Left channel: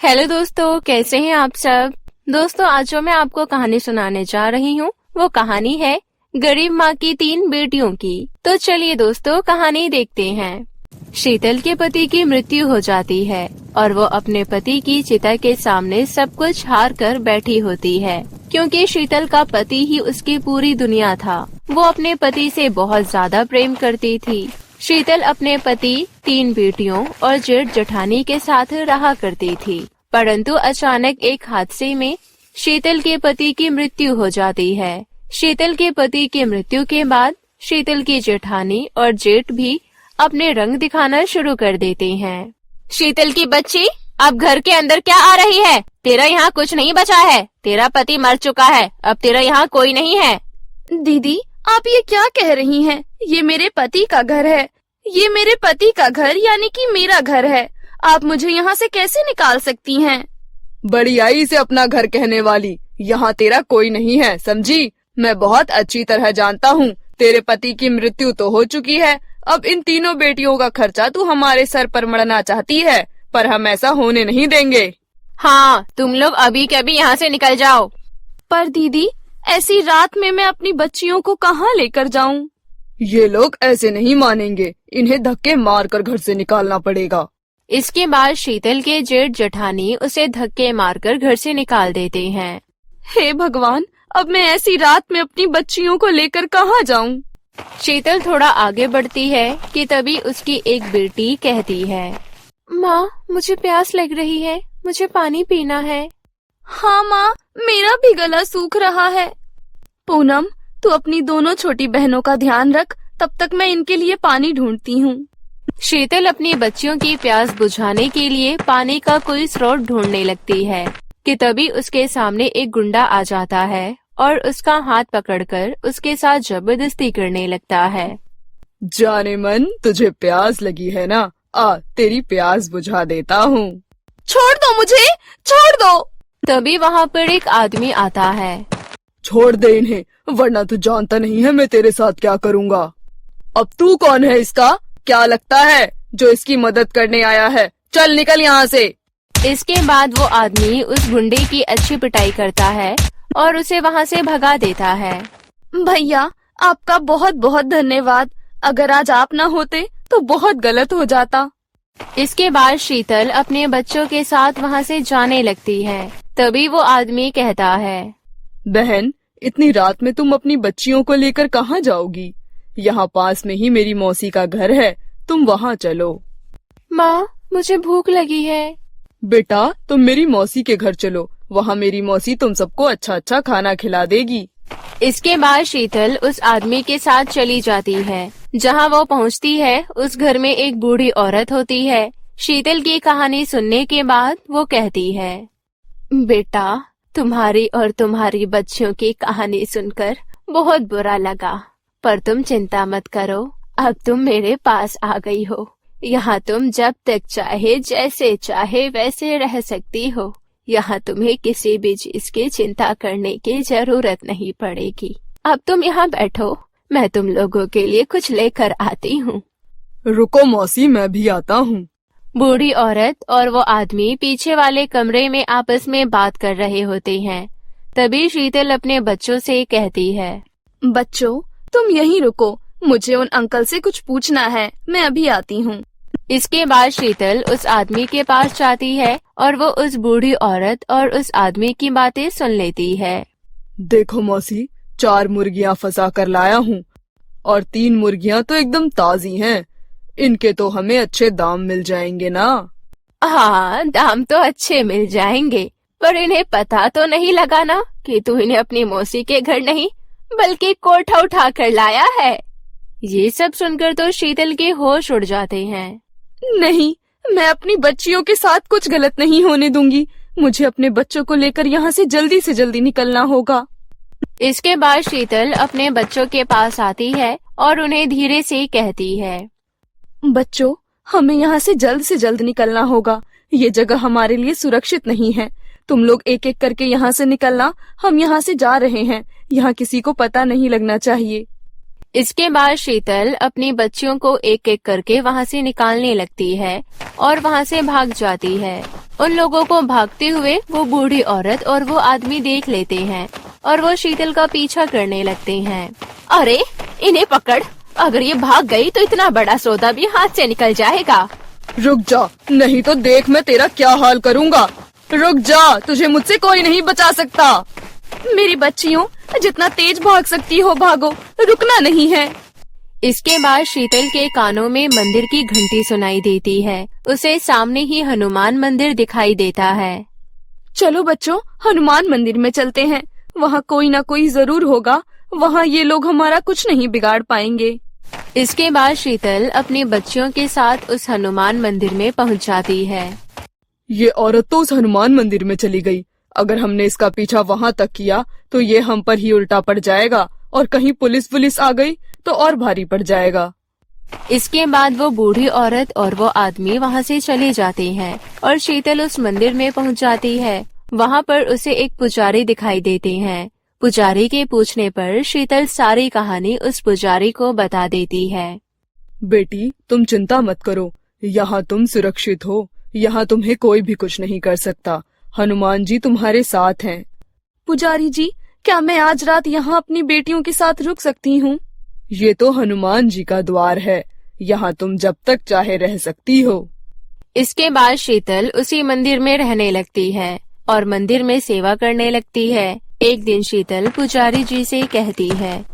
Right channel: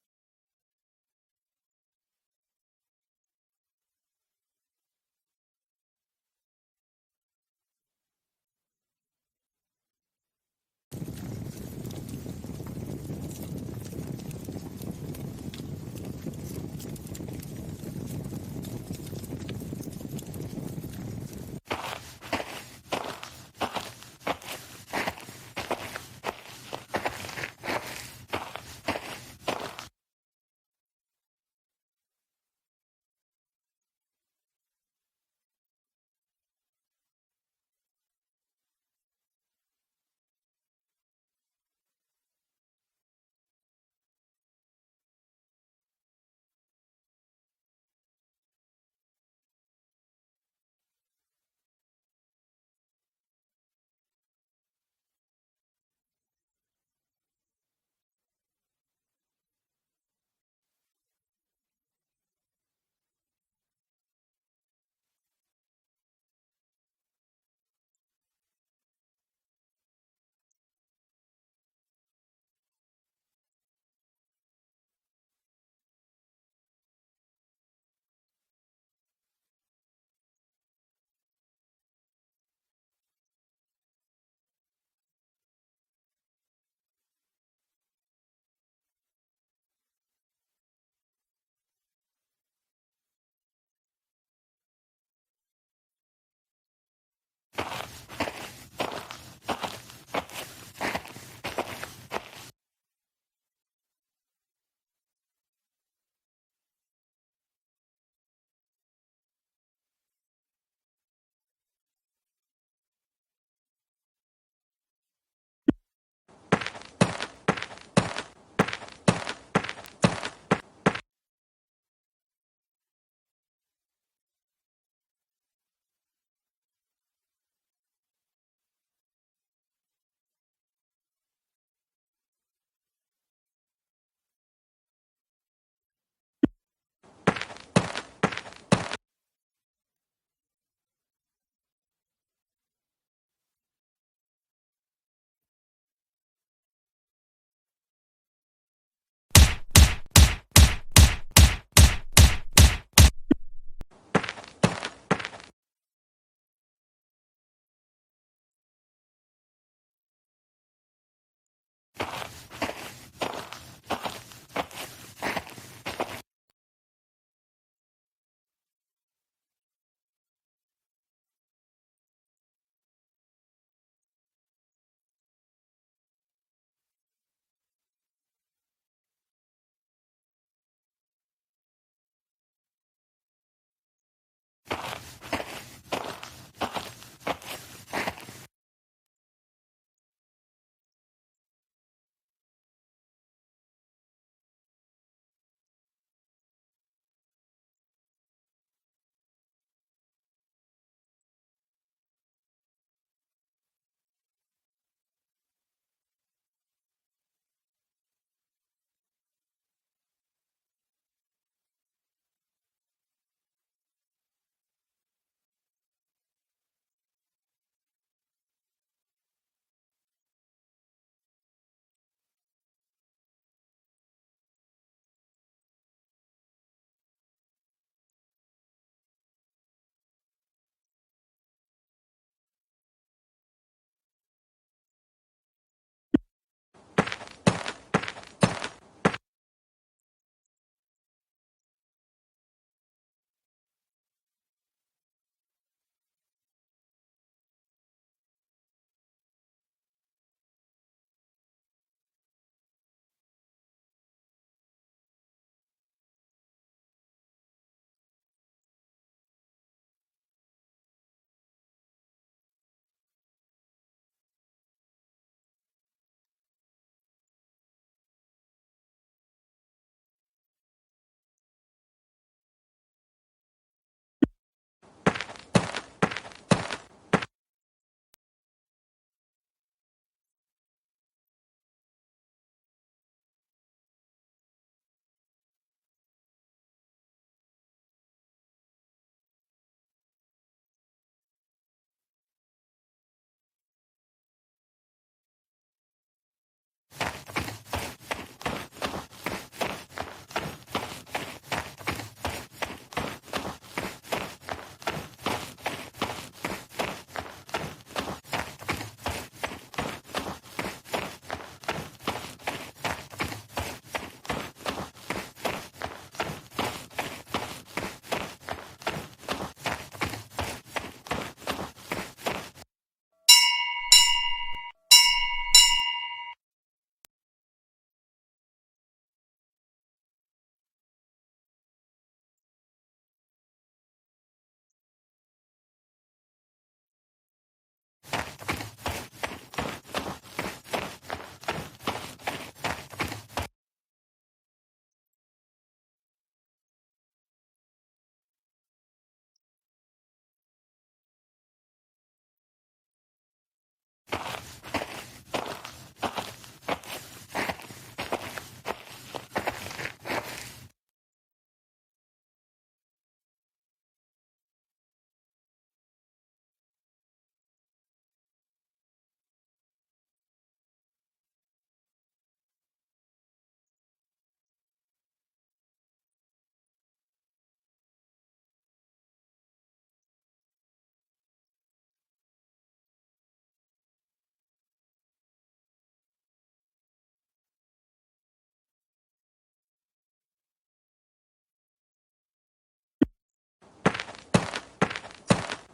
Hello दोस्तों, कैसे हैं आप सब। दोस्तों, आज जो मैं आपको कहानी सुनाने जा रही हूँ वो कहानी है गरीब माँ की 3 बेटियों की। तो चलिए दोस्तों, कहानी देखते हैं। शीतल के पति की मृत्यु हो जाती है और वो अपने पति की चिता के सामने सब कुछ हार कर बैठी होती है, क्योंकि शीतल का पति ही उसकी पूरी दुनिया था। वो अपने पति से बहुत ज्यादा प्रेम करती थी। शीतल अपने पति, 3 बेटियों और जेठ जेठानी के साथ रहा करती थी, परंतु अचानक एक हादसे में शीतल के पति की मृत्यु हो जाती है। शीतल के पति की मृत्यु के बाद शीतल की जेठानी और जेठ भी अपने रंग दिखाना शुरू कर देते हैं। शीतल की बच्ची, अब घर के अंदर क्या आ रही है? तेरा यहाँ कुछ नहीं बचा है। तेरा पति मर चुका है, अब तेरा यहाँ कोई नहीं है। दीदी, आप ये क्या कह रही हैं? ये मेरे पति का घर है। ये मेरे पति का घर यानी कि मेरा घर है। आप मुझे यहाँ से कैसे निकाल सकती हैं? बड़ी आई से अपना घर कहने वाली, यहाँ तेरा कोई नहीं है, समझी? मैं बहुत अच्छी तरह जानता हूँ, तेरे पति की मृत्यु तो हो चुकी है। अब इन तीनों बेटियों का खर्चा तू हमारे सर पर मढ़ना चाहती है, पर हम ऐसा होने नहीं देंगे। हाँ, तुम लोग अभी के अभी यहाँ से निकल जाओ। पर दीदी, ऐसी रात में मैं अपनी बच्चियों को कहाँ लेकर जाऊँ? ये लोग ऐसे नहीं मानेंगे, इन्हें धक्के मारकर घर से निकालना पड़ेगा। इसके बाद शीतल के जेठ जेठानी उसे धक्के मारकर घर से निकाल देते हैं। हे भगवान, अब मैं ऐसी रात में अपनी बच्चियों को लेकर कहाँ जाऊँ? शीतल थोड़ा आगे बढ़ती है कि तभी उसकी एक बेटी कहती है, माँ, मुझे प्यास लग रही है, मुझे पानी पीना है। हाँ माँ, मेरा भी गला सूख रहा है। पूनम, तू अपनी दोनों छोटी बहनों का ध्यान रख, तब तक मैं इनके लिए पानी ढूंढती हूँ। शीतल अपनी बच्चियों की प्यास बुझाने के लिए पानी का कोई स्रोत ढूंढने लगती है कि तभी उसके सामने एक गुंडा आ जाता है और उसका हाथ पकड़कर उसके साथ जबरदस्ती करने लगता है। जाने मन, तुझे प्यास लगी है ना? आ, तेरी प्यास बुझा देता हूँ। छोड़ दो मुझे, छोड़ दो। तभी वहाँ पर एक आदमी आता है। छोड़ दे इन्हें, वरना तू जानता नहीं है मैं तेरे साथ क्या करूँगा। अब तू कौन है इसका? क्या लगता है जो इसकी मदद करने आया है? चल निकल यहाँ से। इसके बाद वो आदमी उस गुंडे की अच्छी पिटाई करता है और उसे वहाँ से भगा देता है। भैया, आपका बहुत बहुत धन्यवाद। अगर आज आप न होते तो बहुत गलत हो जाता। इसके बाद शीतल अपने बच्चों के साथ वहाँ से जाने लगती है। तभी वो आदमी कहता है, बहन, इतनी रात में तुम अपनी बच्चियों को लेकर कहाँ जाओगी? यहाँ पास में ही मेरी मौसी का घर है, तुम वहाँ चलो। माँ, मुझे भूख लगी है। बेटा, तुम मेरी मौसी के घर चलो, वहाँ मेरी मौसी तुम सबको अच्छा अच्छा खाना खिला देगी। इसके बाद शीतल उस आदमी के साथ चली जाती है। जहाँ वो पहुँचती है, उस घर में एक बूढ़ी औरत होती है। शीतल की कहानी सुनने के बाद वो कहती है, बेटा, तुम्हारी और तुम्हारी बच्चियों की कहानी सुनकर बहुत बुरा लगा, पर तुम चिंता मत करो, अब तुम मेरे पास आ गई हो। यहाँ तुम जब तक चाहे, जैसे चाहे वैसे रह सकती हो। यहाँ तुम्हें किसी भी चीज की चिंता करने की जरूरत नहीं पड़ेगी। अब तुम यहाँ बैठो, मैं तुम लोगों के लिए कुछ लेकर आती हूँ। रुको मौसी, मैं भी आता हूँ। बूढ़ी औरत और वो आदमी पीछे वाले कमरे में आपस में बात कर रहे होते हैं। तभी शीतल अपने बच्चों से कहती है, बच्चों, तुम यहीं रुको, मुझे उन अंकल से कुछ पूछना है, मैं अभी आती हूँ। इसके बाद शीतल उस आदमी के पास जाती है और वो उस बूढ़ी औरत और उस आदमी की बातें सुन लेती है। देखो मौसी, 4 मुर्गियाँ फंसा कर लाया हूँ और 3 मुर्गियाँ तो एकदम ताजी हैं। इनके तो हमें अच्छे दाम मिल जाएंगे ना? हाँ, दाम तो अच्छे मिल जाएंगे, पर इन्हें पता तो नहीं लगा ना कि तू इन्हें अपनी मौसी के घर नहीं बल्कि कोठा उठा कर लाया है। ये सब सुनकर तो शीतल के होश उड़ जाते हैं। नहीं, मैं अपनी बच्चियों के साथ कुछ गलत नहीं होने दूंगी। मुझे अपने बच्चों को लेकर यहाँ से जल्दी निकलना होगा। इसके बाद शीतल अपने बच्चों के पास आती है और उन्हें धीरे से कहती है, बच्चों, हमें यहाँ से जल्द निकलना होगा। ये जगह हमारे लिए सुरक्षित नहीं है। तुम लोग एक एक करके यहाँ से निकलना, हम यहाँ से जा रहे हैं। यहाँ किसी को पता नहीं लगना चाहिए। इसके बाद शीतल अपनी बच्चियों को एक एक करके वहाँ से निकालने लगती है और वहाँ से भाग जाती है। उन लोगों को भागते हुए वो बूढ़ी औरत और वो आदमी देख लेते हैं और वो शीतल का पीछा करने लगते हैं। अरे इन्हें पकड़, अगर ये भाग गई तो इतना बड़ा सौदा भी हाथ से निकल जाएगा। रुक जा, नहीं तो देख मैं तेरा क्या हाल करूँगा। रुक जा, तुझे मुझसे कोई नहीं बचा सकता। मेरी बच्चियों, जितना तेज भाग सकती हो भागो, रुकना नहीं है। इसके बाद शीतल के कानों में मंदिर की घंटी सुनाई देती है। उसे सामने ही हनुमान मंदिर दिखाई देता है। चलो बच्चों, हनुमान मंदिर में चलते हैं। वहाँ कोई ना कोई जरूर होगा। वहाँ ये लोग हमारा कुछ नहीं बिगाड़ पाएंगे। इसके बाद शीतल अपनी बच्चियों के साथ उस हनुमान मंदिर में पहुँच जाती है। ये औरत तो उस हनुमान मंदिर में चली गई। अगर हमने इसका पीछा वहाँ तक किया तो ये हम पर ही उल्टा पड़ जाएगा, और कहीं पुलिस आ गई तो और भारी पड़ जाएगा। इसके बाद वो बूढ़ी औरत और वो आदमी वहाँ से चले जाते हैं और शीतल उस मंदिर में पहुँच जाती है। वहाँ पर उसे एक पुजारी दिखाई देते हैं। पुजारी के पूछने पर शीतल सारी कहानी उस पुजारी को बता देती है। बेटी, तुम चिंता मत करो, यहाँ तुम सुरक्षित हो। यहाँ तुम्हें कोई भी कुछ नहीं कर सकता। हनुमान जी तुम्हारे साथ हैं। पुजारी जी, क्या मैं आज रात यहाँ अपनी बेटियों के साथ रुक सकती हूँ? ये तो हनुमान जी का द्वार है, यहाँ तुम जब तक चाहे रह सकती हो। इसके बाद शीतल उसी मंदिर में रहने लगती है और मंदिर में सेवा करने लगती है। एक दिन शीतल पुजारी जी से कहती है,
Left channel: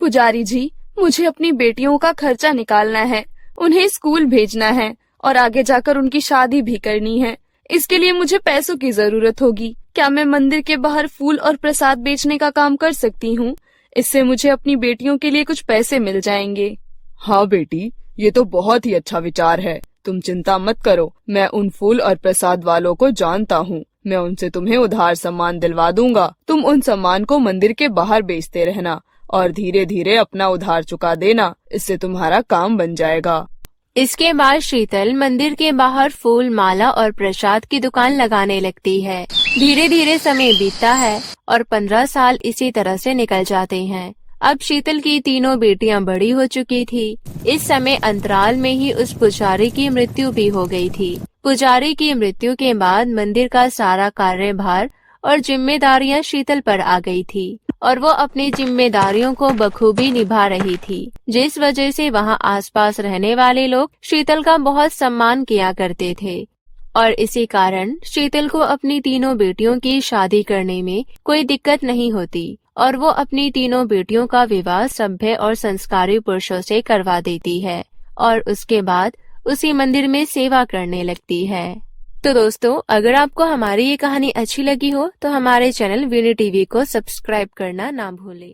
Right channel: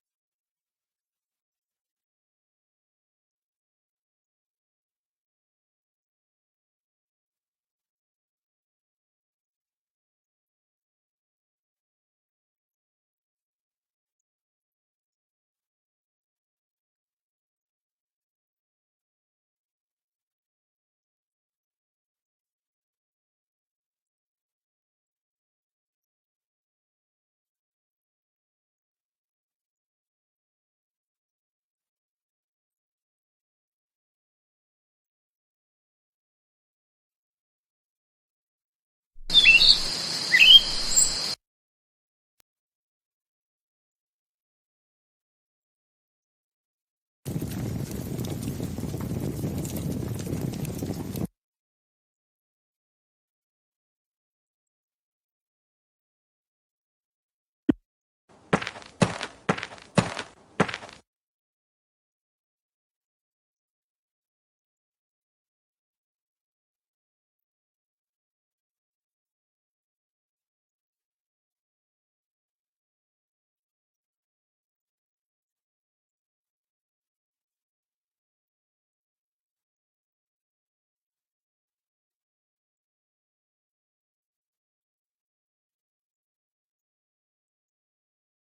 पुजारी जी, मुझे अपनी बेटियों का खर्चा निकालना है। उन्हें स्कूल भेजना है और आगे जाकर उनकी शादी भी करनी है। इसके लिए मुझे पैसों की जरूरत होगी। क्या मैं मंदिर के बाहर फूल और प्रसाद बेचने का काम कर सकती हूँ? इससे मुझे अपनी बेटियों के लिए कुछ पैसे मिल जाएंगे। हाँ बेटी, ये तो बहुत ही अच्छा विचार है। तुम चिंता मत करो, मैं उन फूल और प्रसाद वालों को जानता हूँ। मैं उनसे तुम्हें उधार सामान दिलवा दूंगा। तुम उन सामान को मंदिर के बाहर बेचते रहना और धीरे धीरे अपना उधार चुका देना। इससे तुम्हारा काम बन जाएगा। इसके बाद शीतल मंदिर के बाहर फूल, माला और प्रसाद की दुकान लगाने लगती है। धीरे धीरे समय बीतता है और 15 साल इसी तरह से निकल जाते हैं। अब शीतल की तीनों बेटियां बड़ी हो चुकी थी। इस समय अंतराल में ही उस पुजारी की मृत्यु भी हो गई थी। पुजारी की मृत्यु के बाद मंदिर का सारा कार्यभार और जिम्मेदारियां शीतल पर आ गई थी और वो अपनी जिम्मेदारियों को बखूबी निभा रही थी, जिस वजह से वहाँ आसपास रहने वाले लोग शीतल का बहुत सम्मान किया करते थे। और इसी कारण शीतल को अपनी तीनों बेटियों की शादी करने में कोई दिक्कत नहीं होती और वो अपनी तीनों बेटियों का विवाह सभ्य और संस्कारी पुरुषों से करवा देती है और उसके बाद उसी मंदिर में सेवा करने लगती है। तो दोस्तों, अगर आपको हमारी ये कहानी अच्छी लगी हो तो हमारे चैनल वीणी टीवी को सब्सक्राइब करना ना भूलें।